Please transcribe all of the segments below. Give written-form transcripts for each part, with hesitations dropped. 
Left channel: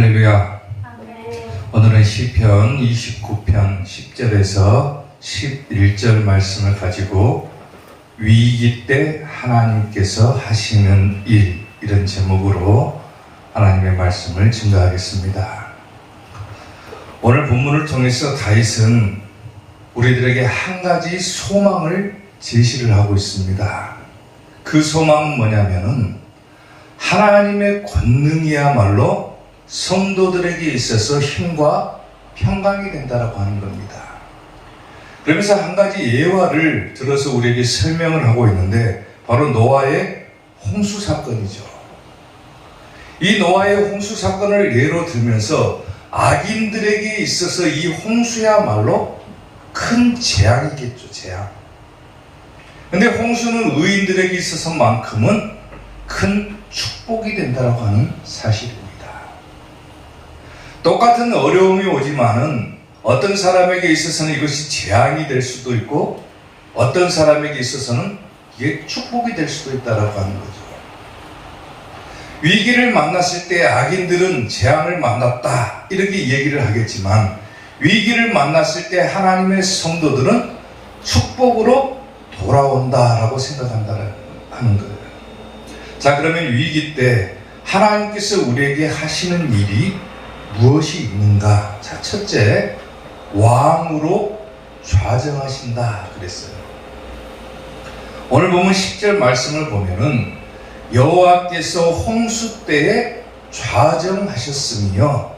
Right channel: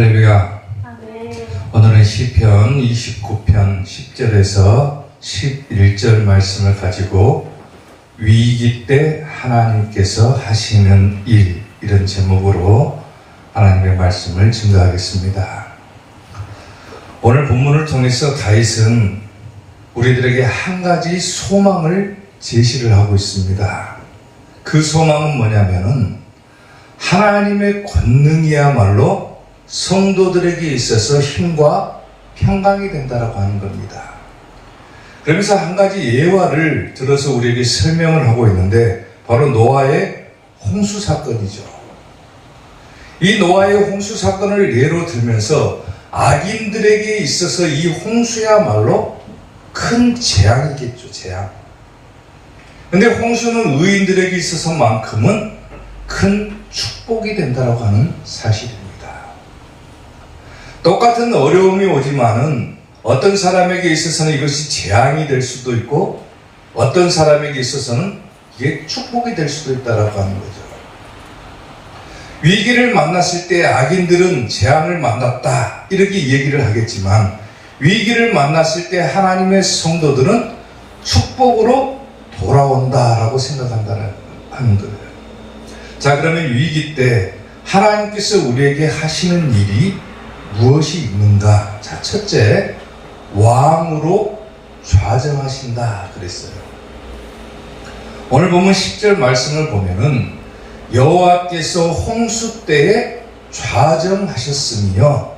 할렐루야. 오늘은 시편 29편 10절에서 11절 말씀을 가지고 위기 때 하나님께서 하시는 일, 이런 제목으로 하나님의 말씀을 증거하겠습니다. 오늘 본문을 통해서 다윗은 우리들에게 한 가지 소망을 제시를 하고 있습니다. 그 소망은 뭐냐면은 하나님의 권능이야말로 성도들에게 있어서 힘과 평강이 된다라고 하는 겁니다. 그러면서 한 가지 예화를 들어서 우리에게 설명을 하고 있는데 바로 노아의 홍수 사건이죠. 이 노아의 홍수 사건을 예로 들면서 악인들에게 있어서 이 홍수야말로 큰 재앙이겠죠, 재앙. 근데 홍수는 의인들에게 있어서만큼은 큰 축복이 된다고 하는 사실입니다. 똑같은 어려움이 오지만은 어떤 사람에게 있어서는 이것이 재앙이 될 수도 있고 어떤 사람에게 있어서는 이게 축복이 될 수도 있다고 하는 거죠. 위기를 만났을 때 악인들은 재앙을 만났다 이렇게 얘기를 하겠지만 위기를 만났을 때 하나님의 성도들은 축복으로 돌아온다라고 생각한다는 거예요. 자, 그러면 위기 때 하나님께서 우리에게 하시는 일이 무엇이 있는가? 자, 첫째, 왕으로 좌정하신다 그랬어요. 오늘 보면 10절 말씀을 보면은 여호와께서 홍수 때에 좌정하셨으며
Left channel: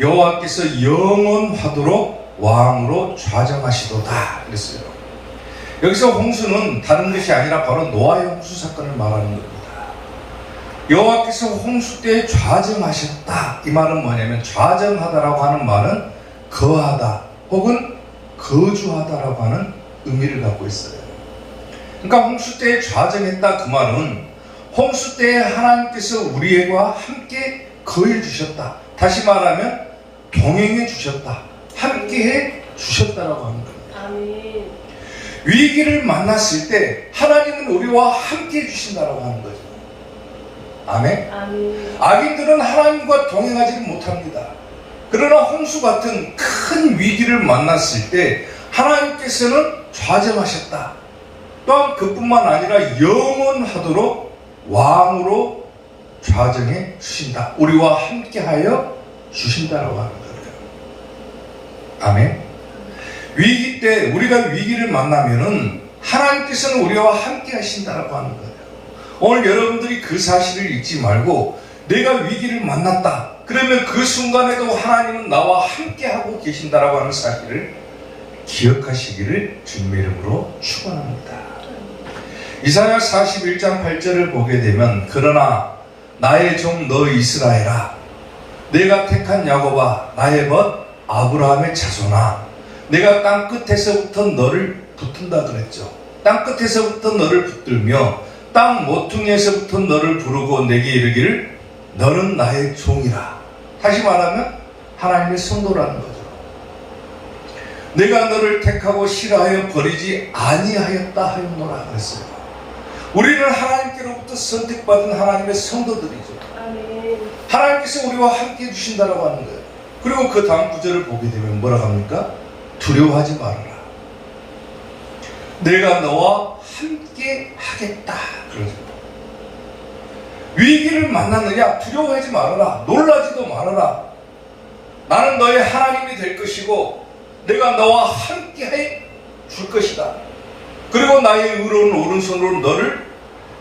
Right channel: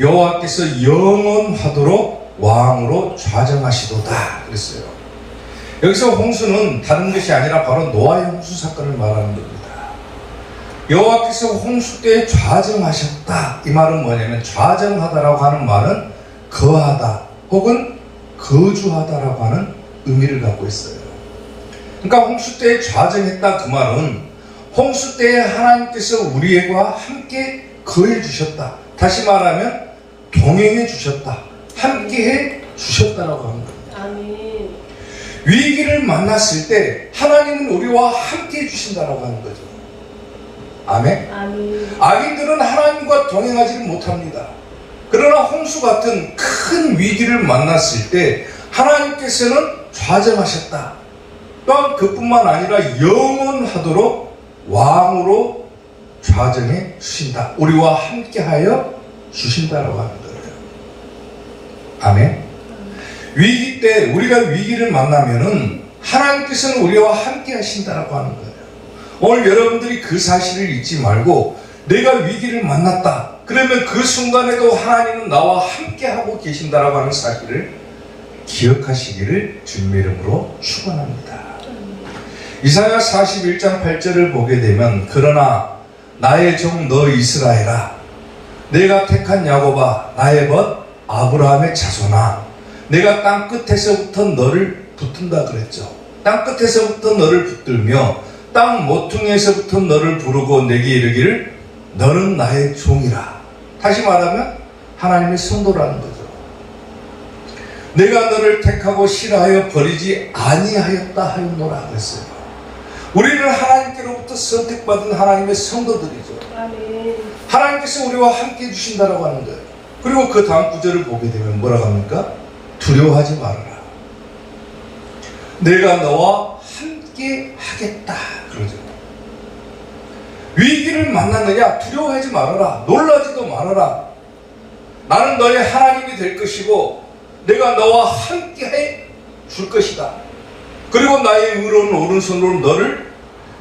여호와께서 영원하도록 왕으로 좌정하시도다 그랬어요. 여기서 홍수는 다른 것이 아니라 바로 노아의 홍수 사건을 말하는 겁니다. 여호와께서 홍수 때에 좌정하셨다. 이 말은 뭐냐면 좌정하다라고 하는 말은 거하다 혹은 거주하다라고 하는 의미를 갖고 있어요. 그러니까 홍수 때에 좌정했다 그 말은 홍수 때에 하나님께서 우리와 함께 거해 주셨다. 다시 말하면 동행해 주셨다. 함께해 주셨다라고 하는 겁니다. 아멘. 위기를 만났을 때 하나님은 우리와 함께해 주신다라고 하는 거죠. 아멘. 아멘. 악인들은 하나님과 동행하지는 못합니다. 그러나 홍수 같은 큰 위기를 만났을 때 하나님께서는 좌정하셨다. 또한 그뿐만 아니라 영원하도록 왕으로 좌정해 주신다. 우리와 함께하여 주신다라고 하는 거예요. 아멘. 위기 때 우리가 위기를 만나면은 하나님께서는 우리와 함께 하신다라고 하는 거예요. 오늘 여러분들이 그 사실을 잊지 말고 내가 위기를 만났다. 그러면 그 순간에도 하나님은 나와 함께 하고 계신다라고 하는 사실을 기억하시기를 주님의 이름으로 축원합니다. 이사야 41장 8절을 보게 되면 그러나 나의 종 너 이스라엘아 내가 택한 야곱아 나의 벗 아브라함의 자손아 내가 땅 끝에서부터 너를 붙든다 그랬죠. 땅 끝에서부터 너를 붙들며 땅 모퉁이에서부터 너를 부르고 내게 이르기를 너는 나의 종이라. 다시 말하면 하나님의 성도라는 거죠. 내가 너를 택하고 싫어하여 버리지 아니하였다 하였노라 그랬어요. 우리는 하나님께로부터 선택받은 하나님의 성도들이죠. 아멘. 하나님께서 우리와 함께 해주신다라고 하는 거예요. 그리고 그 다음 구절을 보게 되면 뭐라고 합니까? 두려워하지 말아라. 내가 너와 함께 하겠다. 그러죠. 위기를 만났느냐? 두려워하지 말아라. 놀라지도 말아라. 나는 너의 하나님이 될 것이고 내가 너와 함께 해 줄 것이다. 그리고 나의 의로운 오른손으로 너를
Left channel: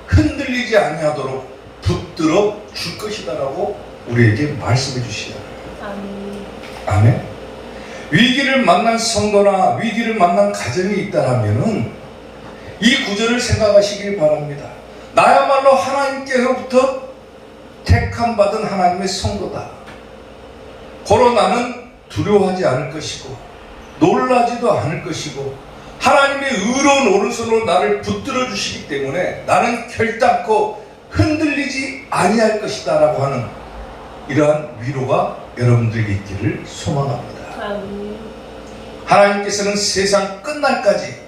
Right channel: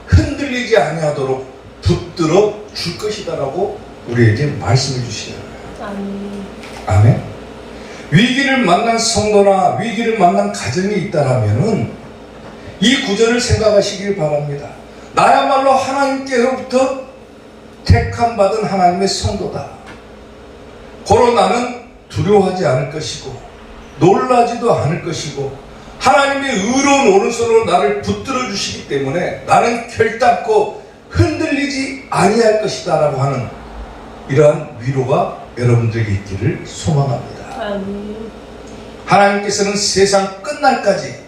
흔들리지 아니하도록 붙들어 줄 것이다 라고 우리에게 말씀해 주시는 거예요. 아멘. 아멘. 위기를 만난 성도나 위기를 만난 가정이 있다라면은 이 구절을 생각하시길 바랍니다. 나야말로 하나님께로부터 택함받은 하나님의 성도다. 고로 나는 두려워하지 않을 것이고 놀라지도 않을 것이고 하나님의 의로운 오른손으로 나를 붙들어 주시기 때문에 나는 결단코 흔들리지 아니할 것이다 라고 하는 이러한 위로가 여러분들에게 있기를 소망합니다. 아멘. 하나님께서는 세상 끝날까지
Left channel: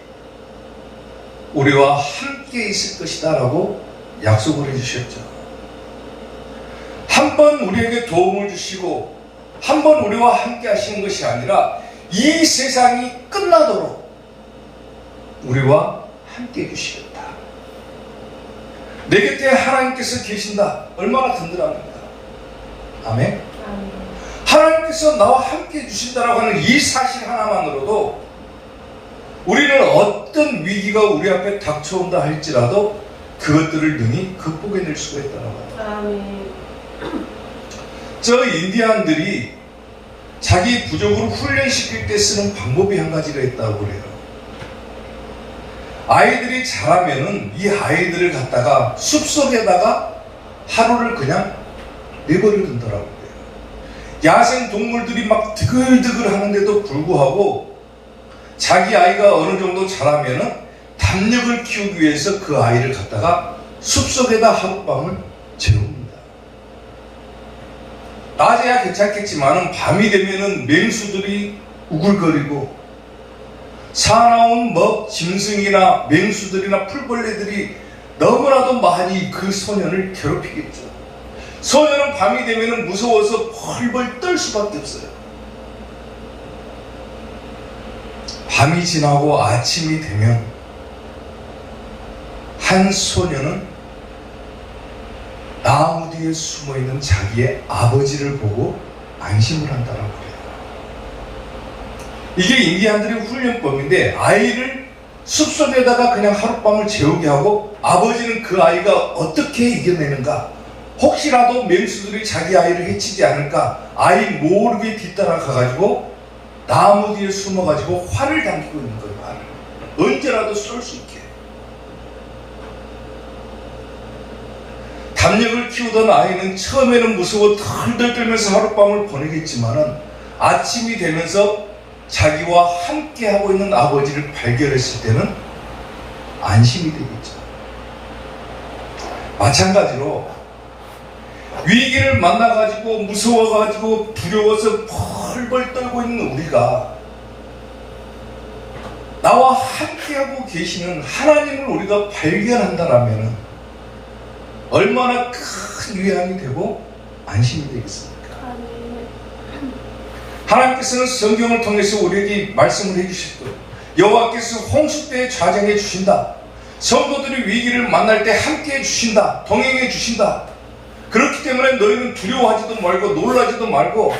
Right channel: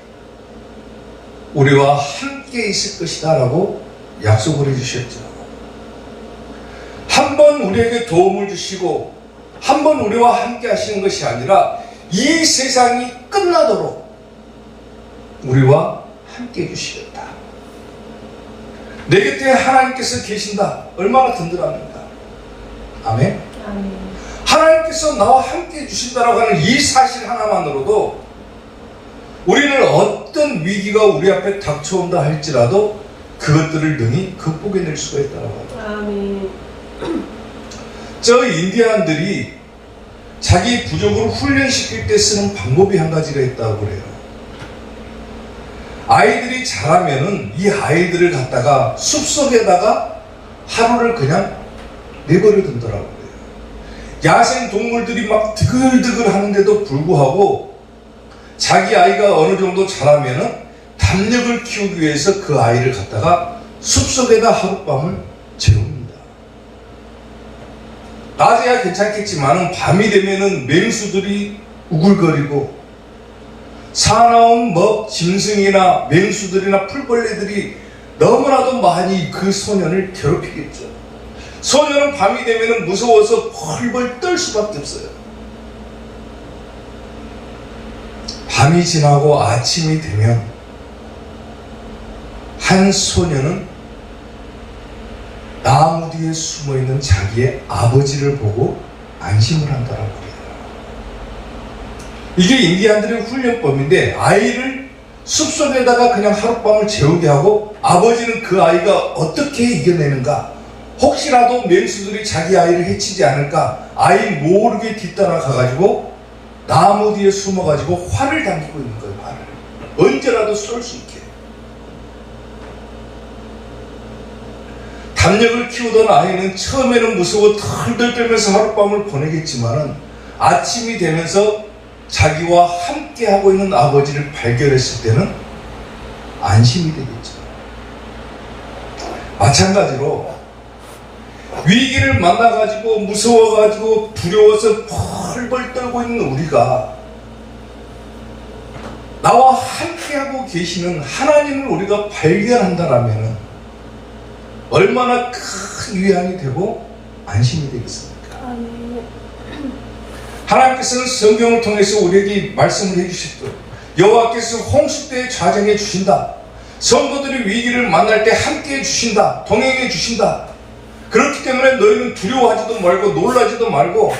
우리와 함께 있을 것이다 라고 약속을 해주셨죠. 한 번 번 우리에게 도움을 주시고 한 번 우리와 함께 하시는 것이 아니라 이 세상이 끝나도록 우리와 함께 해주시겠다. 내 곁에 하나님께서 계신다. 얼마나 든든합니까? 아멘. 하나님께서 나와 함께 해주신다라고 하는 이 사실 하나만으로도 우리는 어떤 위기가 우리 앞에 닥쳐온다 할지라도 그것들을 능히 극복해낼 수가 있다라고 합니다. 저 인디안들이 자기 부족을 훈련시킬 때 쓰는 방법이 한 가지가 있다고 그래요. 아이들이 자라면은 이 아이들을 갖다가 숲속에다가 하루를 그냥 내버려 둔다라고 그래요. 야생 동물들이 막 드글드글 하는데도 불구하고 자기 아이가 어느 정도 자라면은 담력을 키우기 위해서 그 아이를 갖다가 숲속에다 하룻밤을 재웁니다. 낮에야 괜찮겠지만은 밤이 되면은 맹수들이 우글거리고 사나운 짐승이나 맹수들이나 풀벌레들이 너무나도 많이 그 소년을 괴롭히겠죠. 소년은 밤이 되면은 무서워서 펄펄 떨 수밖에 없어요. 밤이 지나고 아침이 되면 한 소년은 나무 뒤에 숨어있는 자기의 아버지를 보고 안심을 한다라고 그래요. 이게 인디안들의 훈련법인데 아이를 숲속에다가 그냥 하룻밤을 재우게 하고 아버지는 그 아이가 어떻게 이겨내는가, 혹시라도 맹수들이 자기 아이를 해치지 않을까 아이 모르게 뒤따라 가가지고 나무 뒤에 숨어가지고 활을 당기고 있는 거예요. 활을 언제라도 쏠 수 있게. 담력을 키우던 아이는 처음에는 무서워 덜덜 떨면서 하룻밤을 보내겠지만은 아침이 되면서 자기와 함께 하고 있는 아버지를 발견했을 때는 안심이 되겠죠. 마찬가지로 위기를 만나가지고 무서워가지고 두려워서 펄펄 떨고 있는 우리가 나와 함께하고 계시는 하나님을 우리가 발견한다라면 얼마나 큰 위안이 되고 안심이 되겠습니까? 하나님께서는 성경을 통해서 우리에게 말씀을 해주셨고 여호와께서 홍수 때에 좌정해 주신다. 성도들이 위기를 만날 때 함께 해주신다. 동행해 주신다. 그렇기 때문에 너희는 두려워하지도 말고 놀라지도 말고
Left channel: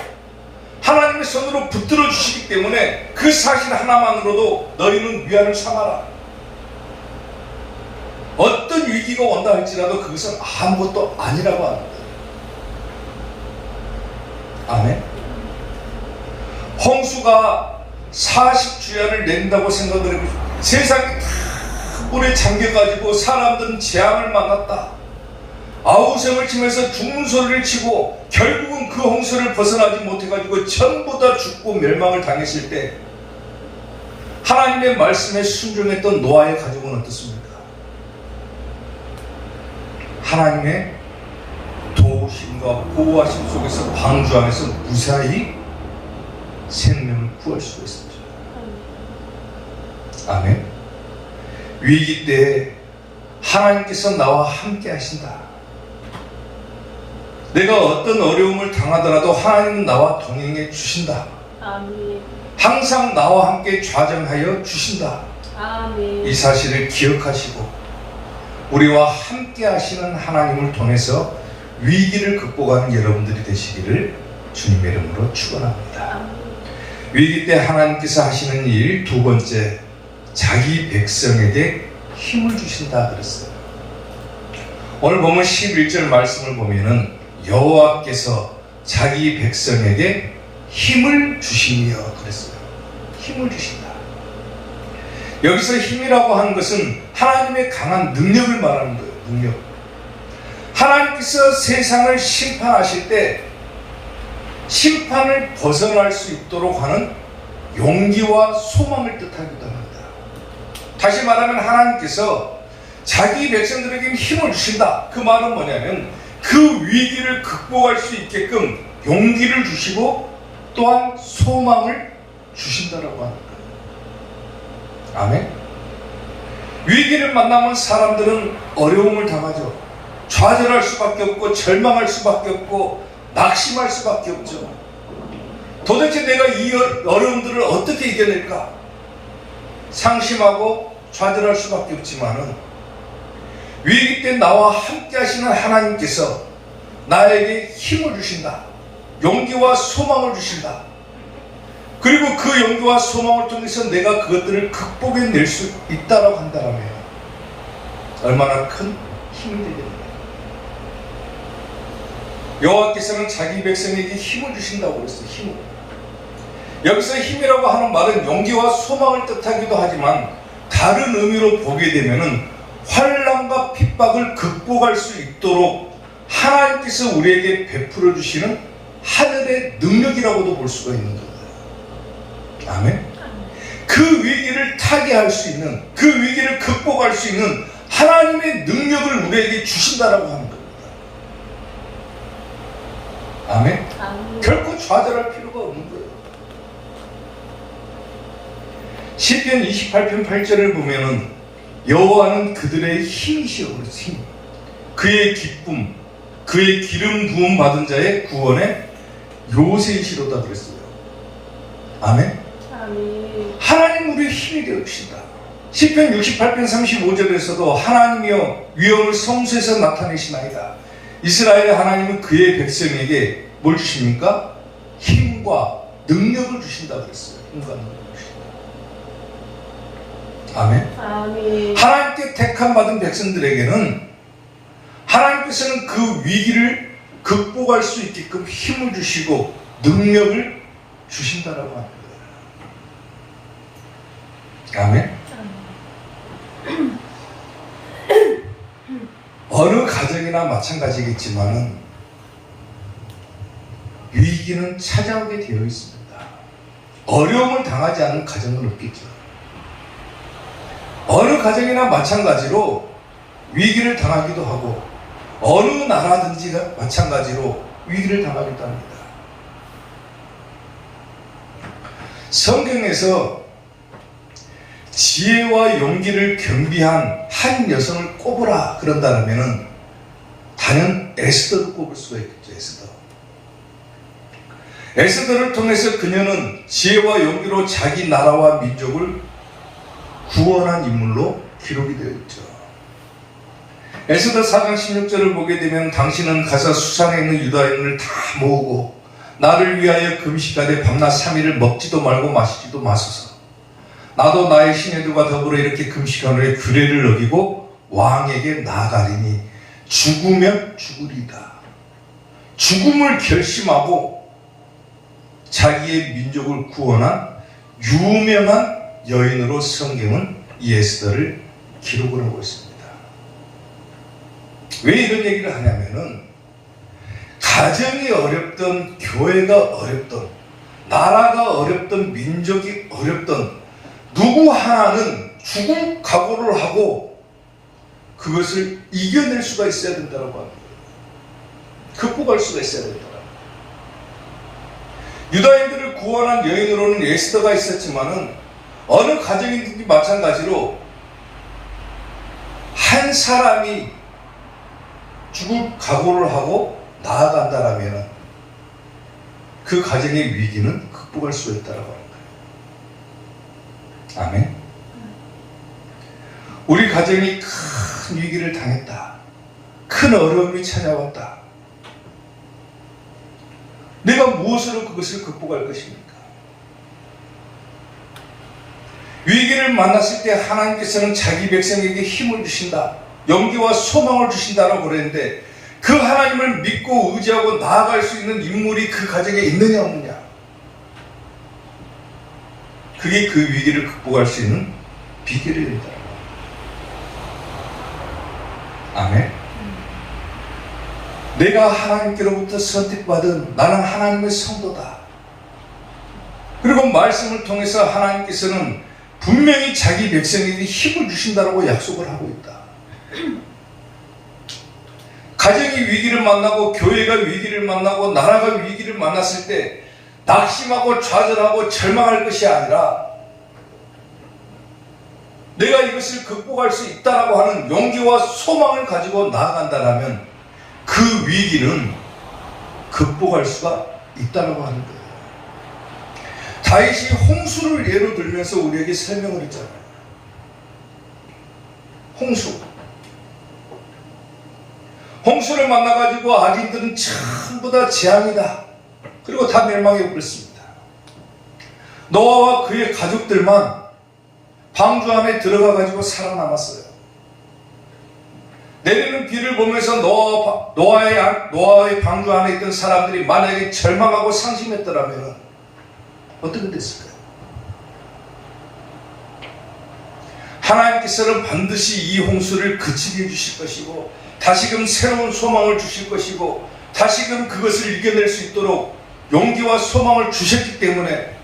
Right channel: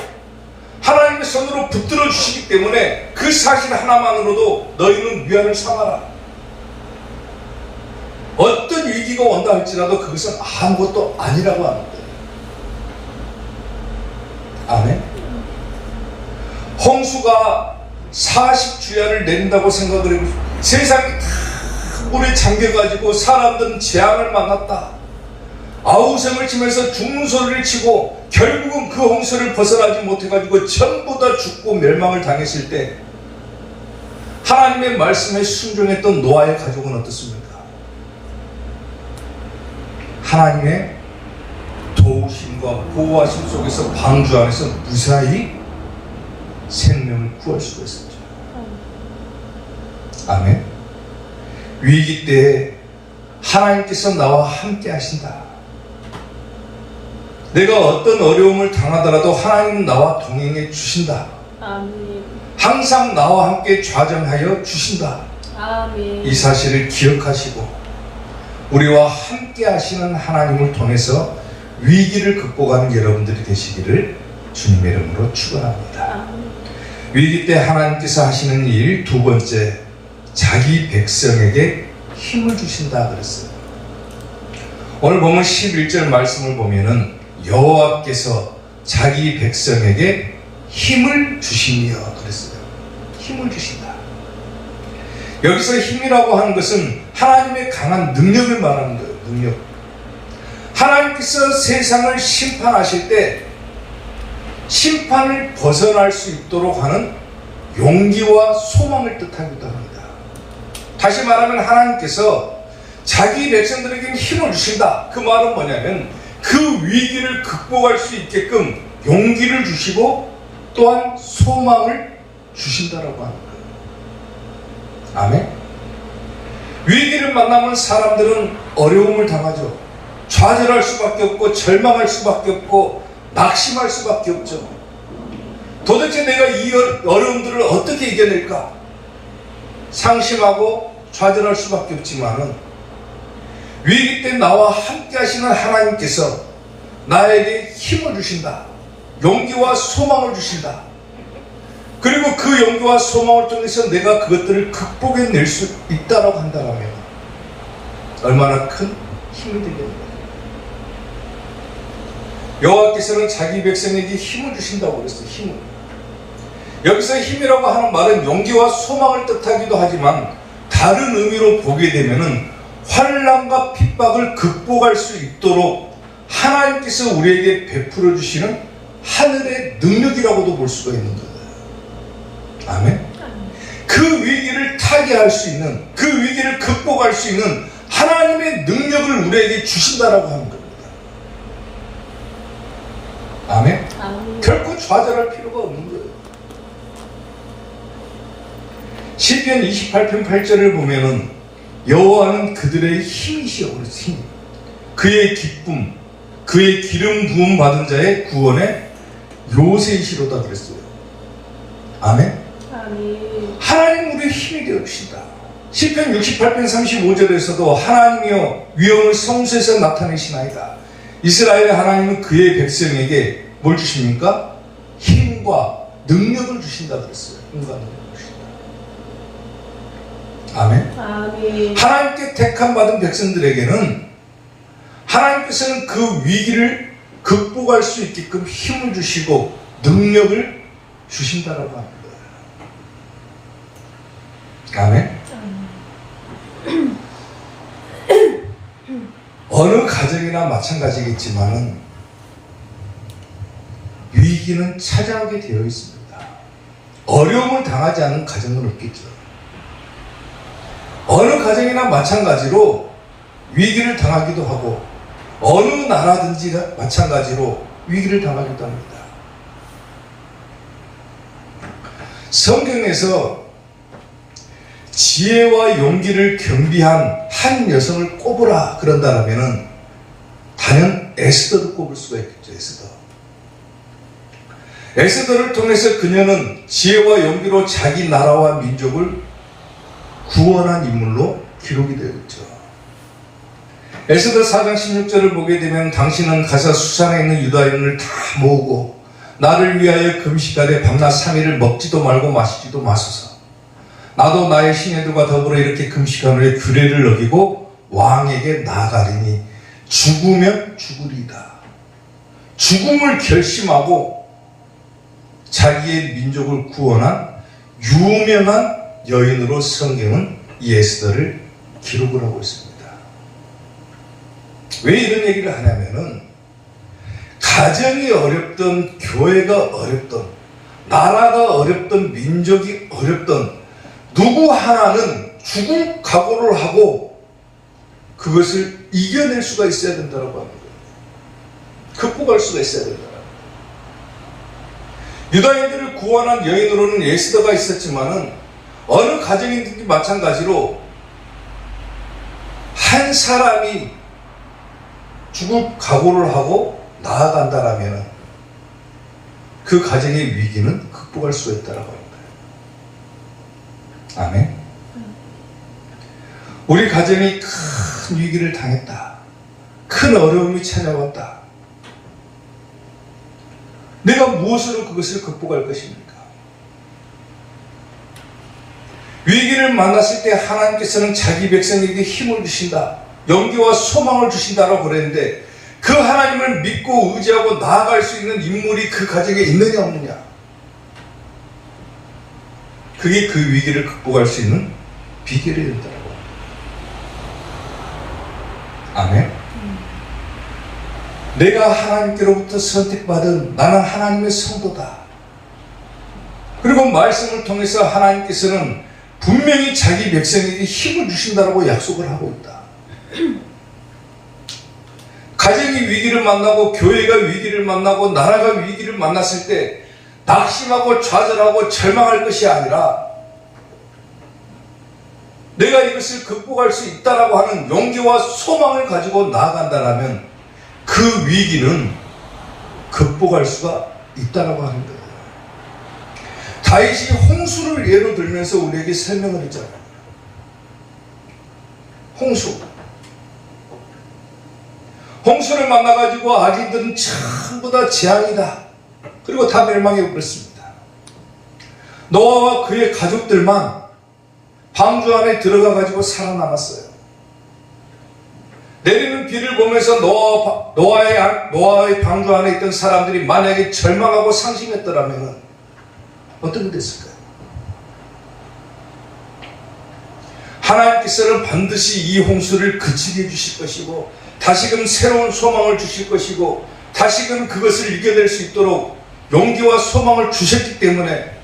하나님의 손으로 붙들어 주시기 때문에 그 사실 하나만으로도 너희는 위안을 삼아라. 어떤 위기가 온다 할지라도 그것은 아무것도 아니라고 합니다. 아멘. 홍수가 40주야를 내린다고 생각을 해보시죠. 세상이 다 물에 잠겨가지고 사람들은 재앙을 만났다. 아우성을 치면서 죽는 소리를 치고 결국은 그 홍수를 벗어나지 못해가지고 전부 다 죽고 멸망을 당했을 때 하나님의 말씀에 순종했던 노아의 가족은 어떻습니까? 하나님의 도우심과 보호하심 속에서 방주 안에서 무사히 생명을 구할 수가 있었죠. 아멘. 위기 때에 하나님께서 나와 함께 하신다. 내가 어떤 어려움을 당하더라도 하나님은 나와 동행해 주신다. 아멘. 항상 나와 함께 좌정하여 주신다. 아멘. 이 사실을 기억하시고 우리와 함께 하시는 하나님을 통해서 위기를 극복하는 여러분들이 되시기를 주님의 이름으로 축원합니다. 아멘. 위기 때 하나님께서 하시는 일 두 번째, 자기 백성에게 힘을 주신다 그랬어요. 오늘 보면 11절 말씀을 보면은 여호와께서 자기 백성에게 힘을 주시며 그랬어요. 힘을 주신다. 여기서 힘이라고 하는 것은 하나님의 강한 능력을 말하는 거예요. 능력. 하나님께서 세상을 심판하실 때 심판을 벗어날 수 있도록 하는 용기와 소망을 뜻하기도 합니다. 다시 말하면 하나님께서 자기 백성들에게 힘을 주신다. 그 말은 뭐냐면 그 위기를 극복할 수 있게끔 용기를 주시고 또한 소망을 주신다라고 하는 거예요. 아멘. 위기를 만나면 사람들은 어려움을 당하죠. 좌절할 수밖에 없고 절망할 수밖에 없고 낙심할 수밖에 없죠. 도대체 내가 이 어려움들을 어떻게 이겨낼까? 상심하고 좌절할 수밖에 없지만은 위기 때 나와 함께 하시는 하나님께서 나에게 힘을 주신다. 용기와 소망을 주신다. 그리고 그 용기와 소망을 통해서 내가 그것들을 극복해낼 수 있다고 한다면 얼마나 큰 힘이 되겠는가. 여호와께서는 자기 백성에게 힘을 주신다고 그랬어요. 힘을. 여기서 힘이라고 하는 말은 용기와 소망을 뜻하기도 하지만 다른 의미로 보게 되면은 환난과 핍박을 극복할 수 있도록 하나님께서 우리에게 베풀어 주시는 하늘의 능력이라고도 볼 수가 있는 거예요. 아멘. 그 위기를 타개할 수 있는, 그 위기를 극복할 수 있는 하나님의 능력을 우리에게 주신다라고 하는 겁니다. 아멘. 결코 좌절할 필요가 없는 거예요. 시편 28편 8절을 보면은 여호와는 그들의 힘이시여. 힘. 그의 기쁨, 그의 기름 부음 받은 자의 구원의 요새이시로다 그랬어요. 아멘. 하나님 우리의 힘이 되옵시다. 시편 68편 35절에서도 하나님이여 위엄을 성소에서 나타내시나이다. 이스라엘 하나님은 그의 백성에게 뭘 주십니까? 힘과 능력을 주신다 그랬어요. 힘과 능력을 주신다. 아멘. 아멘. 하나님께 택함 받은 백성들에게는 하나님께서는 그 위기를 극복할 수 있게끔 힘을 주시고 능력을 주신다라고 합니다. 아멘. 어느 가정이나 마찬가지겠지만은 위기는 찾아오게 되어 있습니다. 어려움을 당하지 않는 가정은 없겠죠. 어느 가정이나 마찬가지로 위기를 당하기도 하고 어느 나라든지 마찬가지로 위기를 당하기도 합니다. 성경에서 지혜와 용기를 겸비한 한 여성을 꼽으라 그런다면은 단연 에스더를 꼽을 수가 있겠죠. 에스더를 통해서 그녀는 지혜와 용기로 자기 나라와 민족을 구원한 인물로 기록이 되어 있죠. 에스더 4장 16절을 보게 되면 당신은 가서 수산에 있는 유다인을 다 모으고 나를 위하여 금식하되 밤낮 3일을 먹지도 말고 마시지도 마소서. 나도 나의 시내들과 더불어 이렇게 금식하노니 규례를 어기고 왕에게 나아가리니 죽으면 죽으리이다. 죽음을 결심하고 자기의 민족을 구원한 유명한 여인으로 성경은 이 에스더를 기록을 하고 있습니다. 왜 이런 얘기를 하냐면은 가정이 어렵던, 교회가 어렵던, 나라가 어렵던, 민족이 어렵던 누구 하나는 죽을 각오를 하고 그것을 이겨낼 수가 있어야 된다고 하는 거예요. 극복할 수가 있어야 된다. 유다인들을 구원한 여인으로는 에스더가 있었지만은 어느 가정이든지 마찬가지로 한 사람이 죽을 각오를 하고 나아간다라면 그 가정의 위기는 극복할 수가 있다라고 하는 거예요. 아멘. 우리 가정이 큰 위기를 당했다. 큰 어려움이 찾아왔다. 내가 무엇으로 그것을 극복할 것입니까? 위기를 만났을 때 하나님께서는 자기 백성에게 힘을 주신다. 용기와 소망을 주신다라고 그랬는데 그 하나님을 믿고 의지하고 나아갈 수 있는 인물이 그 가정에 있느냐 없느냐. 그게 그 위기를 극복할 수 있는 비결이 된다. 아멘. 내가 하나님께로부터 선택받은 나는 하나님의 성도다. 그리고 말씀을 통해서 하나님께서는 분명히 자기 백성에게 힘을 주신다라고 약속을 하고 있다. 가정이 위기를 만나고 교회가 위기를 만나고 나라가 위기를 만났을 때 낙심하고 좌절하고 절망할 것이 아니라 내가 이것을 극복할 수 있다라고 하는 용기와 소망을 가지고 나아간다면 그 위기는 극복할 수가 있다라고 하는 거예요. 다윗이 홍수를 예로 들면서 우리에게 설명을 했잖아요. 홍수를 만나가지고 아기들은 전부 다 재앙이다. 그리고 다 멸망해 버렸습니다. 노아와 그의 가족들만 방주 안에 들어가가지고 살아남았어요. 내리는 비를 보면서 노아의 방주 안에 있던 사람들이 만약에 절망하고 상심했더라면 어떻게 됐을까요? 하나님께서는 반드시 이 홍수를 그치게 해주실 것이고 다시금 새로운 소망을 주실 것이고 다시금 그것을 이겨낼 수 있도록 용기와 소망을 주셨기 때문에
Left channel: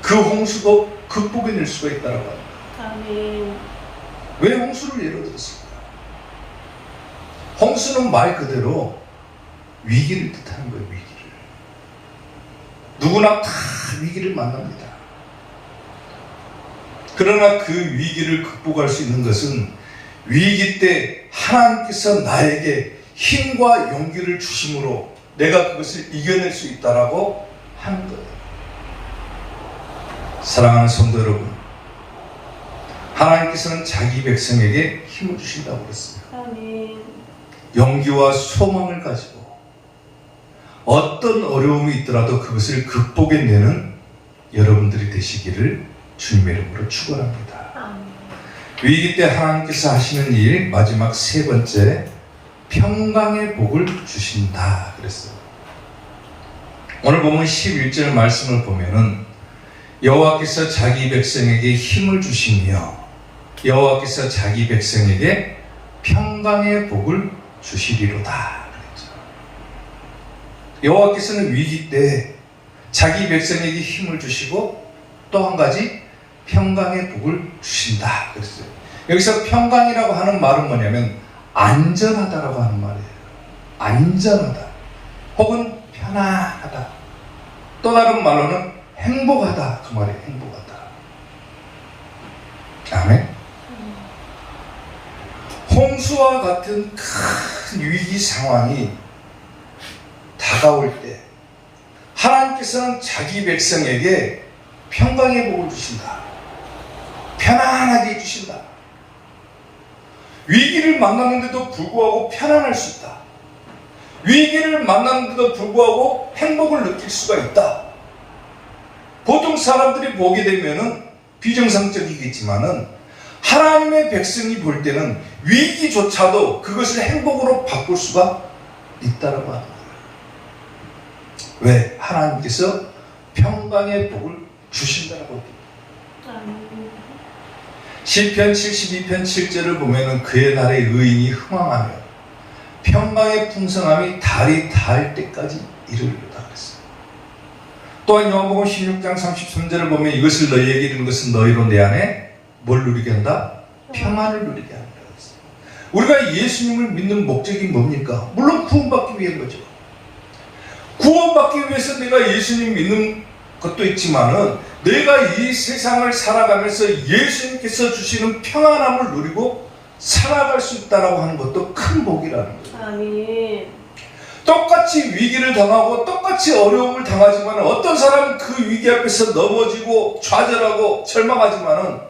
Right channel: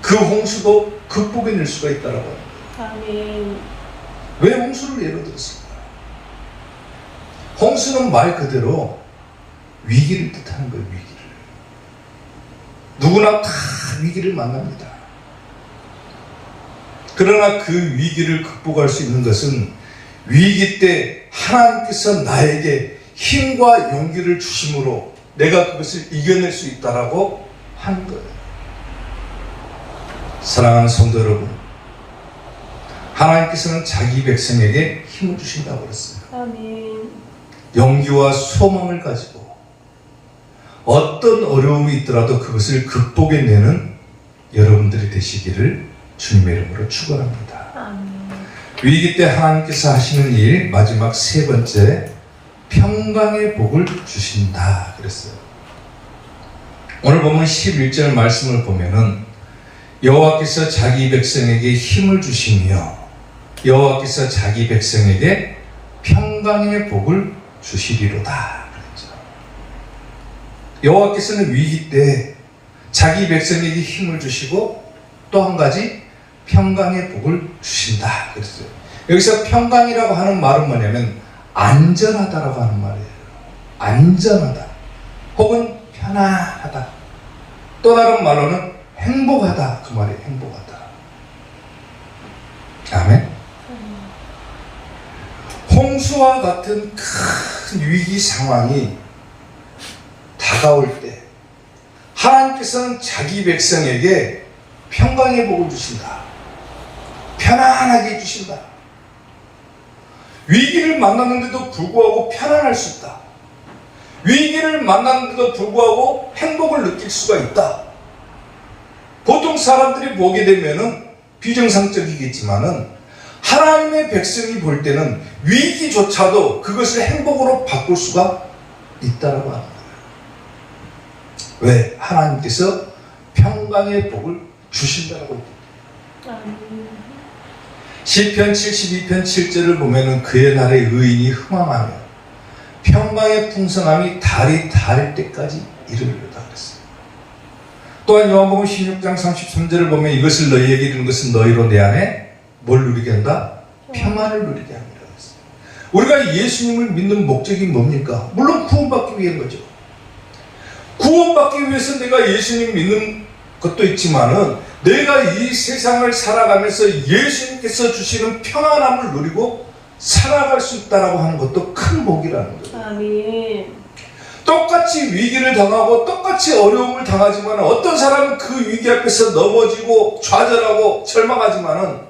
그 홍수도 극복해낼 수가 있다라고 합니다. 아멘. 왜 홍수를 예로 들었습니까? 홍수는 말 그대로 위기를 뜻하는 거예요. 위기를. 누구나 다 위기를 만납니다. 그러나 그 위기를 극복할 수 있는 것은 위기 때 하나님께서 나에게 힘과 용기를 주심으로 내가 그것을 이겨낼 수 있다라고 하는 거예요. 사랑하는 성도 여러분, 하나님께서는 자기 백성에게 힘을 주신다고 그랬어요. 아멘. 용기와 소망을 가지고 어떤 어려움이 있더라도 그것을 극복해내는 여러분들이 되시기를 주님의 이름으로 축원합니다. 위기 때 하나님께서 하시는 일 마지막 세 번째, 평강의 복을 주신다 그랬어요. 오늘 보면 11절 말씀을 보면은 여호와께서 자기 백성에게 힘을 주시며 여호와께서 자기 백성에게 평강의 복을 주시리로다 그랬죠. 여호와께서는 위기 때 자기 백성에게 힘을 주시고 또 한 가지 평강의 복을 주신다 그랬어요. 여기서 평강이라고 하는 말은 뭐냐면 안전하다라고 하는 말이에요. 안전하다 혹은 편안하다. 또 다른 말로는 행복하다 그 말이에요. 행복하다. 아멘. 홍수와 같은 큰 위기 상황이 다가올 때 하나님께서는 자기 백성에게 평강의 복을 주신다. 편안하게 해주신다. 위기를 만나는데도 불구하고 편안할 수 있다. 위기를 만나는데도 불구하고 행복을 느낄 수가 있다. 보통 사람들이 보게 되면은 비정상적이겠지만은 하나님의 백성이 볼 때는 위기조차도 그것을 행복으로 바꿀 수가 있다라고 하는 거예요. 왜? 하나님께서 평강의 복을 주신다라고 합니다. 시편 72편 7절을 보면은 그의 날에 의인이 흥황하며 평강의 풍성함이 달이 닿을 때까지 이르리로다 그랬어요. 또한 요한복음 16장 33절을 보면 이것을 너희에게 이르는 것은 너희로 내 안에 뭘 누리게 한다? 평안을 누리게 합니다. 우리가 예수님을 믿는 목적이 뭡니까? 물론 구원받기 위한 거죠. 구원받기 위해서 내가 예수님 믿는 것도 있지만은 내가 이 세상을 살아가면서 예수님께서 주시는 평안함을 누리고 살아갈 수 있다라고 하는 것도 큰 복이라는 거예요. 아멘. 똑같이 위기를 당하고 똑같이 어려움을 당하지만 어떤 사람은 그 위기 앞에서 넘어지고 좌절하고 절망하지만은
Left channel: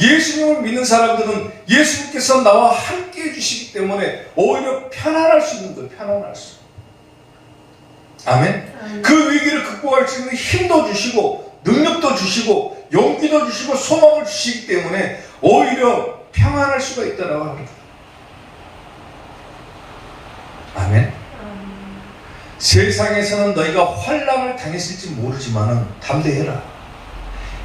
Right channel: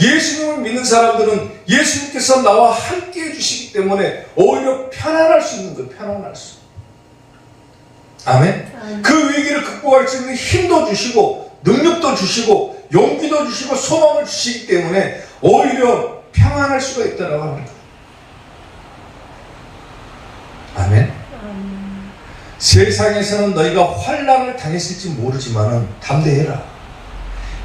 예수님을 믿는 사람들은 예수님께서 나와 함께 해주시기 때문에 오히려 편안할 수 있는 거예요. 편안할 수. 아멘. 그 위기를 극복할 수 있는 힘도 주시고 능력도 주시고 용기도 주시고 소망을 주시기 때문에 오히려 평안할 수가 있다고 합니다. 아멘. 세상에서는 너희가 환난을 당했을지 모르지만 담대해라.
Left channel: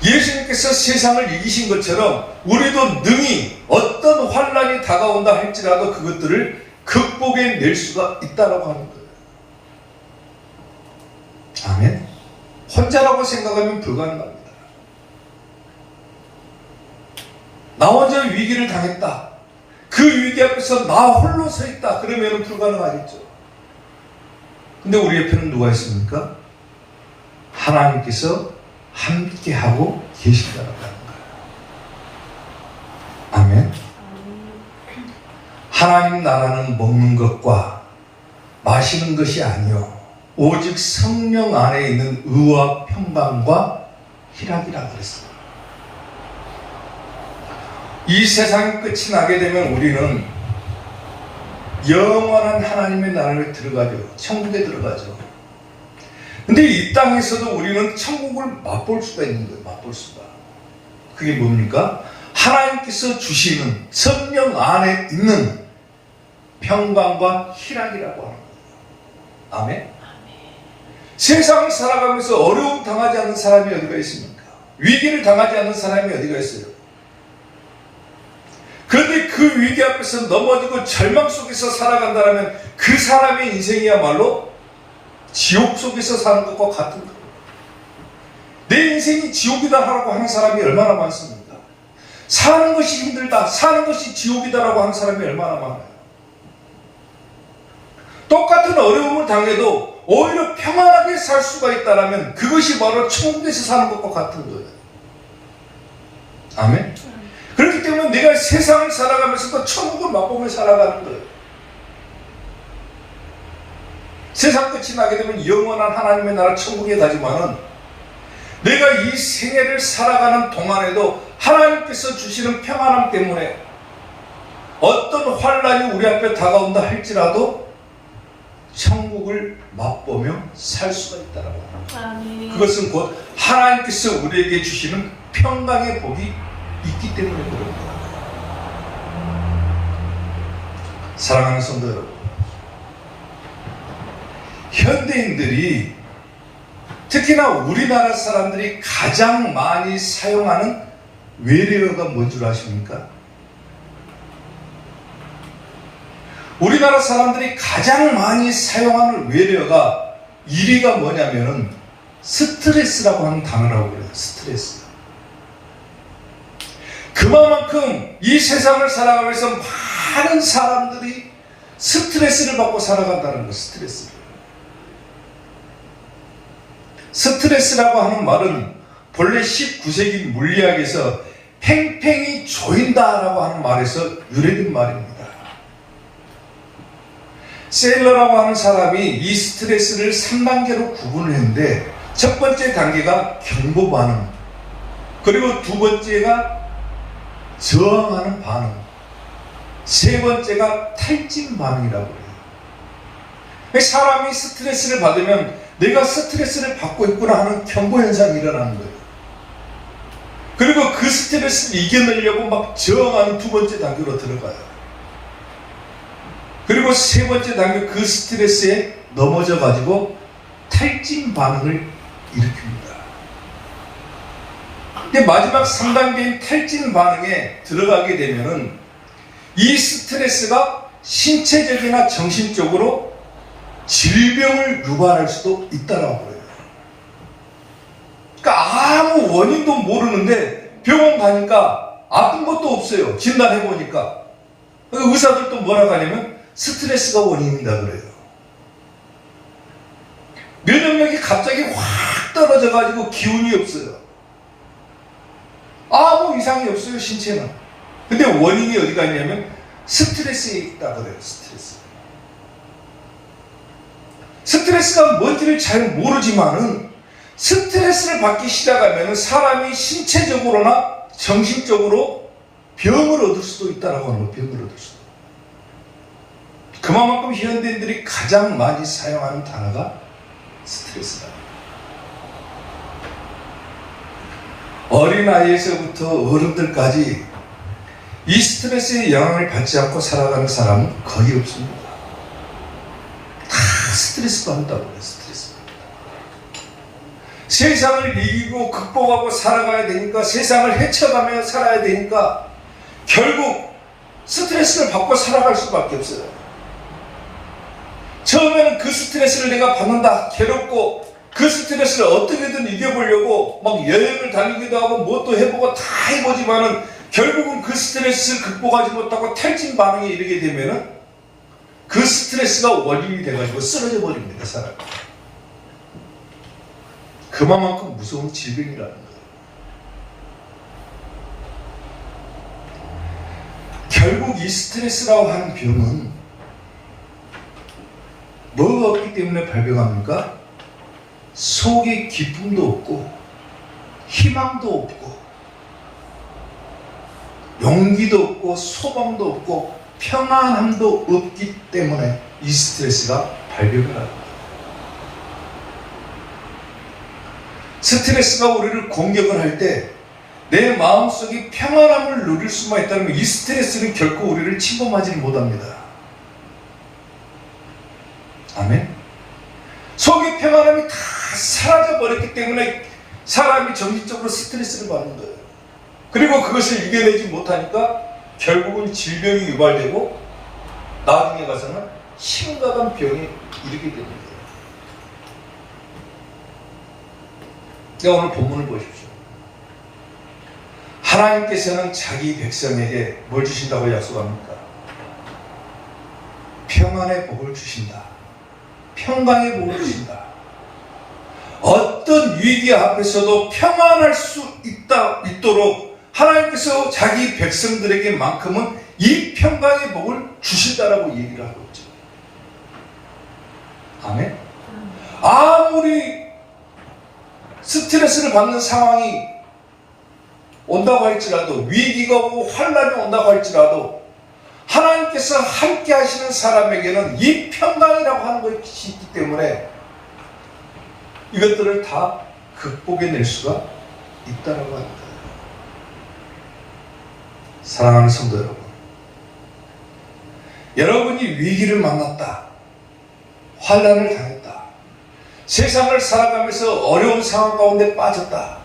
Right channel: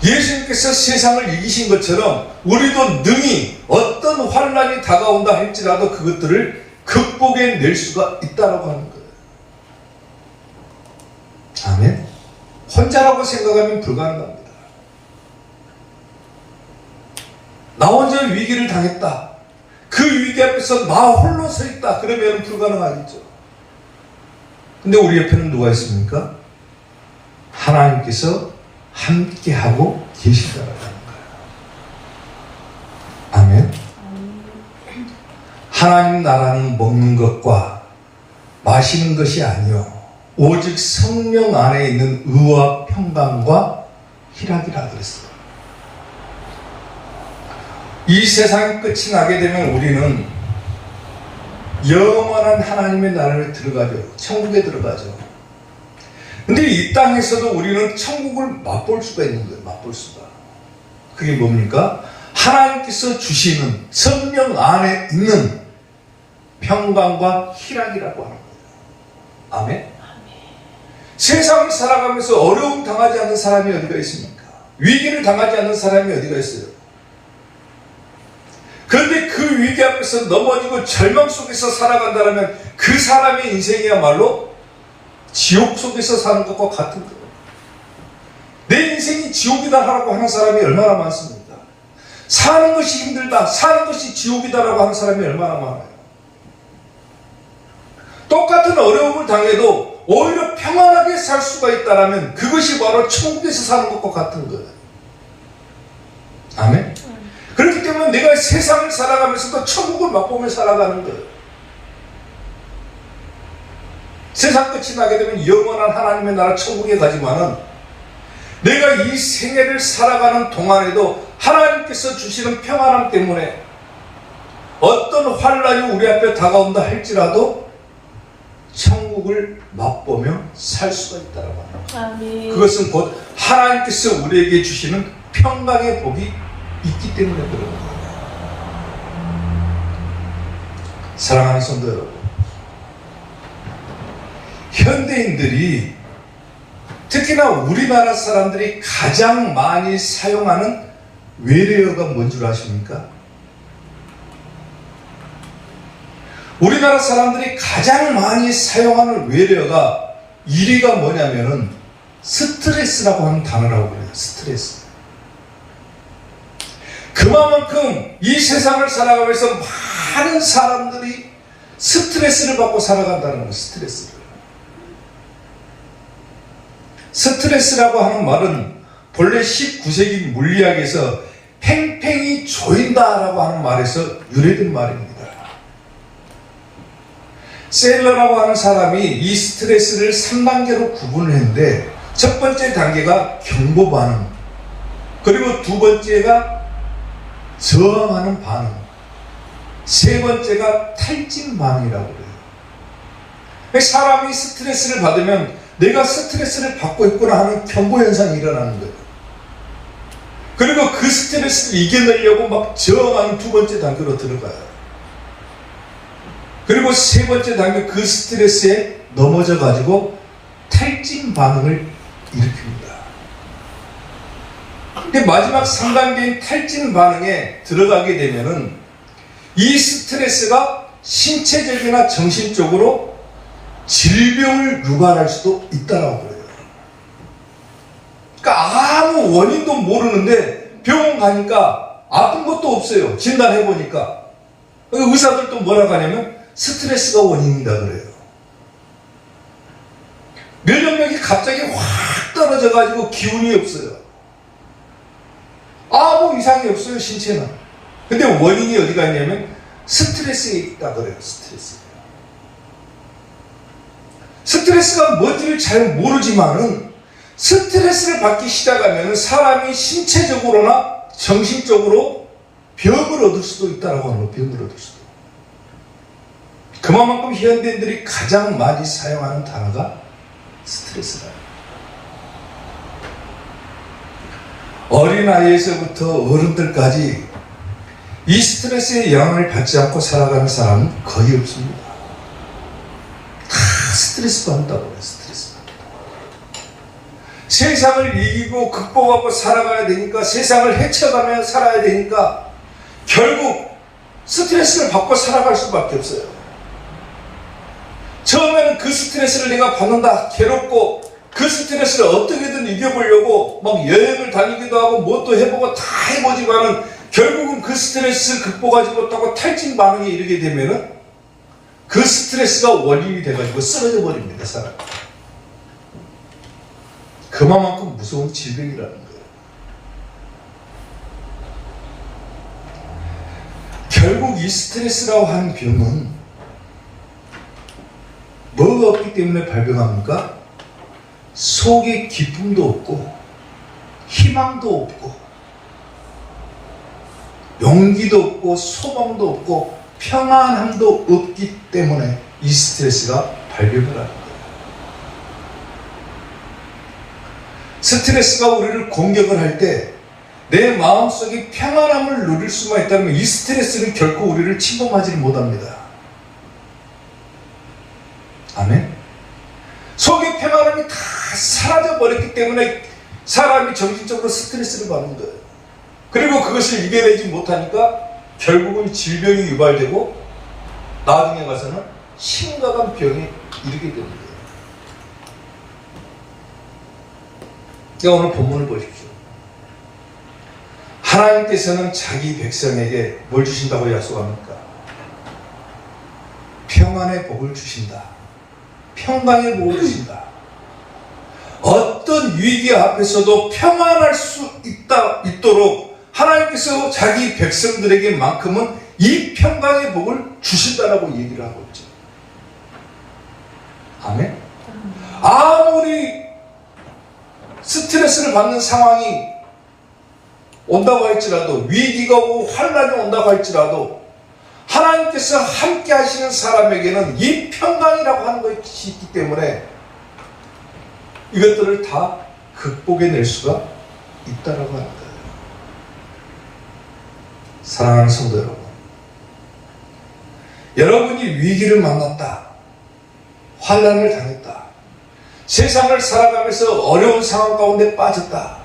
예수님께서 세상을 이기신 것처럼 우리도 능히 어떤 환난이 다가온다 할지라도 그것들을 극복해낼 수가 있다고 하는 거예요. 아멘. 혼자라고 생각하면 불가능합니다. 나 혼자 위기를 당했다. 그 위기 앞에서 나 홀로 서 있다. 그러면 불가능하겠죠. 근데 우리 옆에는 누가 있습니까? 하나님께서 함께하고 계시다라는 거예요. 아멘. 하나님 나라는 먹는 것과 마시는 것이 아니요 오직 성령 안에 있는 의와 평강과 희락이라 그랬어요. 이 세상이 끝이 나게 되면 우리는 영원한 하나님의 나라를 들어가죠. 천국에 들어가죠. 근데 이 땅에서도 우리는 천국을 맛볼 수가 있는 거예요. 맛볼 수가. 그게 뭡니까? 하나님께서 주시는 성령 안에 있는 평강과 희락이라고 하는 거예요. 아멘? 세상을 살아가면서 어려움 당하지 않는 사람이 어디가 있습니까? 위기를 당하지 않는 사람이 어디가 있어요? 그런데 그 위기 앞에서 넘어지고 절망 속에서 살아간다면 그 사람의 인생이야말로 지옥 속에서 사는 것과 같은 거예요. 내 인생이 지옥이다 하라고 하는 사람이 얼마나 많습니까? 사는 것이 힘들다, 사는 것이 지옥이다라고 하는 사람이 얼마나 많아요. 똑같은 어려움을 당해도 오히려 평안하게 살 수가 있다면 그것이 바로 천국에서 사는 것과 같은 거예요. 아멘? 그렇기 때문에 내가 세상을 살아가면서도 천국을 맛보며 살아가는 거예요. 세상 끝이 나게 되면 영원한 하나님의 나라 천국에 가지만은 내가 이 생애를 살아가는 동안에도 하나님께서 주시는 평안함 때문에 어떤 환란이 우리 앞에 다가온다 할지라도 천국을 맛보며 살 수가 있다고 합니다. 그것은 곧 하나님께서 우리에게 주시는 평강의 복이 있기 때문에 그런 거예요. 사랑하는 성도 여러분, 현대인들이 특히나 우리나라 사람들이 가장 많이 사용하는 외래어가 뭔 줄 아십니까? 우리나라 사람들이 가장 많이 사용하는 외래어가 1위가 뭐냐면은 스트레스라고 하는 단어라고 해요. 스트레스. 그만큼 이 세상을 살아가면서 많은 사람들이 스트레스를 받고 살아간다는 거예요. 스트레스라고 하는 말은 본래 19세기 물리학에서 팽팽히 조인다라고 하는 말에서 유래된 말입니다. 셀러라고 하는 사람이 이 스트레스를 3단계로 구분을 했는데 첫 번째 단계가 경보 반응, 그리고 두 번째가 저항하는 반응, 세 번째가 탈진 반응이라고 해요. 사람이 스트레스를 받으면 내가 스트레스를 받고 있구나 하는 경고 현상이 일어나는 거예요. 그리고 그 스트레스를 이겨내려고 막 저항하는 두 번째 단계로 들어가요. 그리고 세 번째 단계 그 스트레스에 넘어져 가지고 탈진 반응을 일으킵니다. 근데 마지막 3단계인 탈진 반응에 들어가게 되면은 이 스트레스가 신체적이나 정신적으로 질병을 유발할 수도 있다라고 그래요. 그러니까 아무 원인도 모르는데 병원 가니까 아픈 것도 없어요. 진단해보니까. 의사들도 뭐라고 하냐면 스트레스가 원인이다 그래요. 면역력이 갑자기 확 떨어져가지고 기운이 없어요. 아무 이상이 없어요, 신체는. 근데 원인이 어디가 있냐면 스트레스에 있다 그래요. 스트레스가 뭔지를 잘 모르지만은 스트레스를 받기 시작하면 사람이 신체적으로나 정신적으로 병을 얻을 수도 있다라고 하는 거예요. 병을 얻을 수도. 그만큼 현대인들이 가장 많이 사용하는 단어가 스트레스다. 어린아이에서부터 어른들까지 이 스트레스의 영향을 받지 않고 살아가는 사람은 거의 없습니다. 다 스트레스 받는다고 해요. 스트레스 받는다. 세상을 이기고 극복하고 살아가야 되니까, 세상을 헤쳐가며 살아야 되니까 결국 스트레스를 받고 살아갈 수밖에 없어요. 처음에는 그 스트레스를 내가 받는다, 괴롭고 그 스트레스를 어떻게든 이겨보려고 막 여행을 다니기도 하고 뭣도 해보고 다 해보지만은 결국은 그 스트레스를 극복하지 못하고 탈진 반응에 이르게 되면은 그 스트레스가 원인이 돼가지고 쓰러져 버립니다, 사람. 그만큼 무서운 질병이라는 거예요. 결국 이 스트레스라고 하는 병은 뭐 뭐가 없기 때문에 발병합니까? 속에 기쁨도 없고 희망도 없고 용기도 없고 소망도 없고 평안함도 없기 때문에 이 스트레스가 발병을 합니다. 스트레스가 우리를 공격을 할 때 내 마음속에 평안함을 누릴 수만 있다면 이 스트레스는 결코 우리를 침범하지 못합니다. 아멘. 속의 평안함이 다 사라져버렸기 때문에 사람이 정신적으로 스트레스를 받는 거예요. 그리고 그것을 이겨내지 못하니까 결국은 질병이 유발되고 나중에 가서는 심각한 병에 이르게 됩니다. 그러니까 오늘 본문을 보십시오. 하나님께서는 자기 백성에게 뭘 주신다고 약속합니까? 평안의 복을 주신다. 평강의 복을 주신다. 어떤 위기 앞에서도 평안할 수 있도록 하나님께서 자기 백성들에게만큼은 이 평강의 복을 주신다라고 얘기를 하고 있죠. 아멘. 아무리 스트레스를 받는 상황이 온다고 할지라도 위기가 오고 환란이 온다고 할지라도 하나님께서 함께 하시는 사람에게는 이 평강이라고 하는 것이 있기 때문에 이것들을 다 극복해낼 수가 있다라고 합니다. 사랑하는 성도 여러분, 여러분이 위기를 만났다, 환란을 당했다, 세상을 살아가면서 어려운 상황 가운데 빠졌다.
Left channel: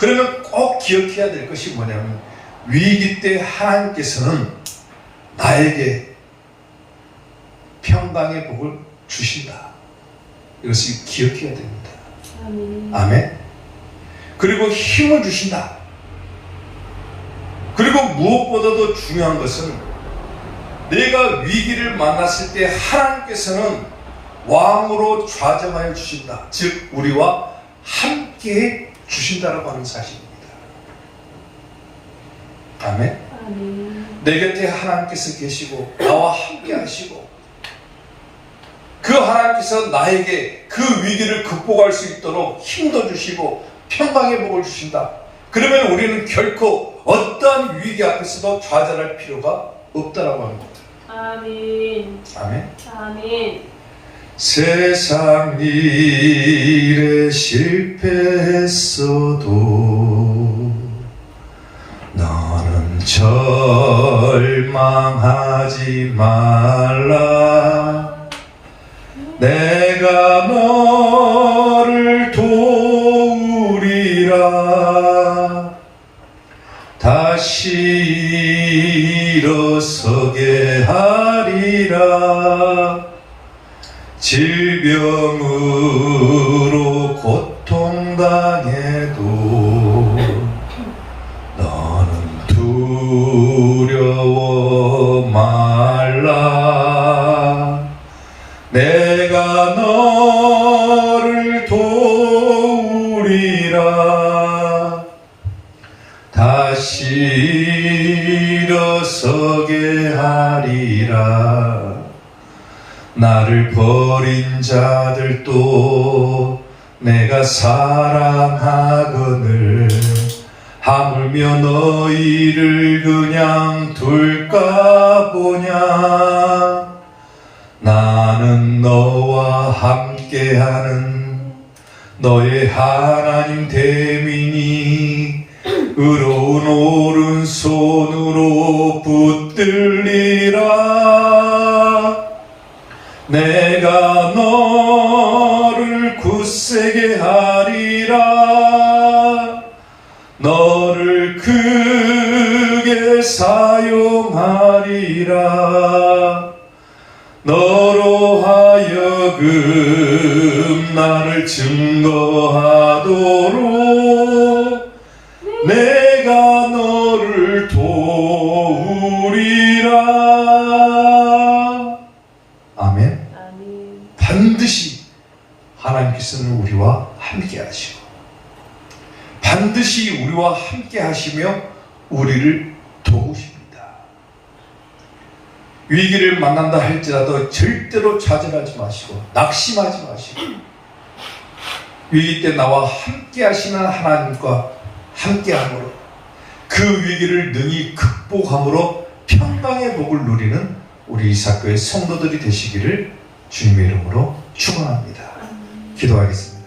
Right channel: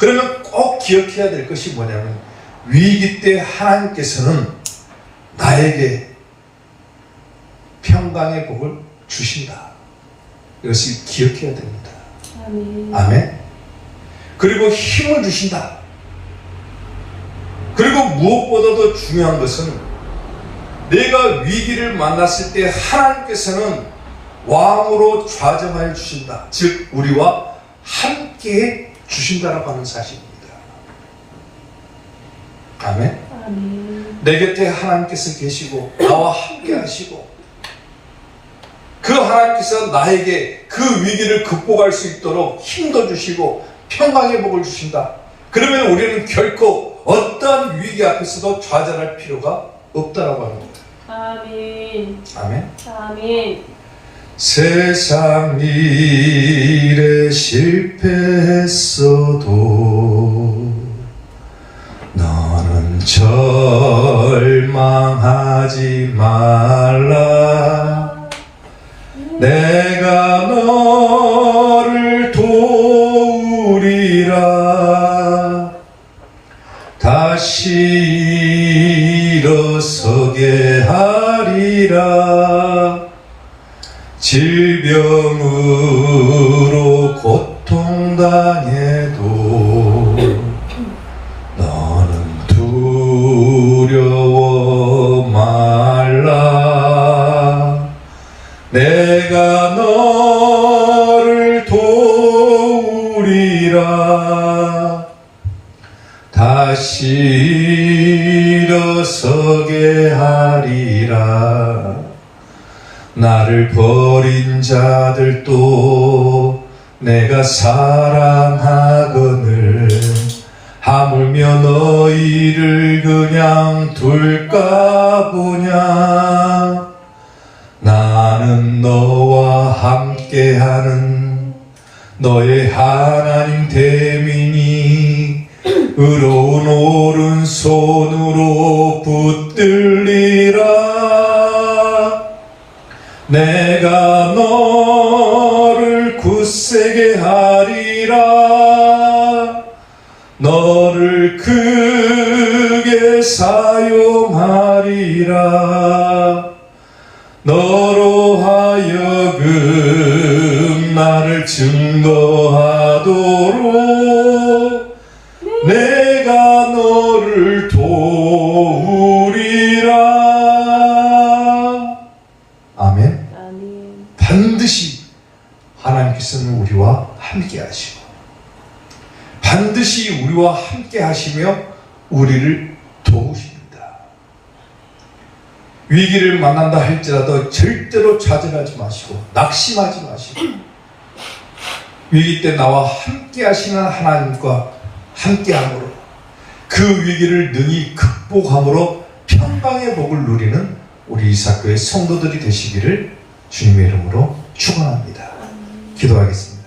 그러면 꼭 기억해야 될 것이 뭐냐면 위기 때 하나님께서는 나에게 평강의 복을 주신다. 이것을 기억해야 됩니다. 아멘. 그리고 힘을 주신다. 그리고 무엇보다도 중요한 것은 내가 위기를 만났을 때 하나님께서는 왕으로 좌정하여 주신다. 즉 우리와 함께 주신다라고 하는 사실입니다. 아멘. 내 곁에 하나님께서 계시고 나와 함께 하시고 그 하나님께서 나에게 그 위기를 극복할 수 있도록 힘도 주시고 평강의 복을 주신다. 그러면 우리는 결코 어떠한 위기 앞에서도 좌절할 필요가 없다라고 합니다. 아멘. 아멘. 아멘. 세상 일에 실패했어도 너는 절망하지 말라. 내가 너를 도우리라. 다시 일어서게 하리라. 질병으로 고통당해도 너는 두려워 말라. 내가 너를 도우리라. 다시 일어서게 하리라. 나를 버린 자들도 내가 사랑하거늘 하물며 너희를 그냥 둘까 보냐. 나는 너와 함께하는 너의 하나님 됨이니 의로운 오른손으로 붙들리라. 내가 너를 굳세게 하리라. 너를 크게 사용하리라. 너로 하여금 나를 증거하도록 내가 너를 도우리라. 아멘. 반드시 하나님께서는 우리와 함께 하시고 반드시 우리와 함께 하시며 우리를 도우십니다. 위기를 만난다 할지라도 절대로 좌절하지 마시고 낙심하지 마시고 위기 때 나와 함께 하시는 하나님과 함께함으로 그 위기를 능히 극복함으로 평강의 복을 누리는 우리 이사코의 성도들이 되시기를 주님의 이름으로 축원합니다. 기도하겠습니다.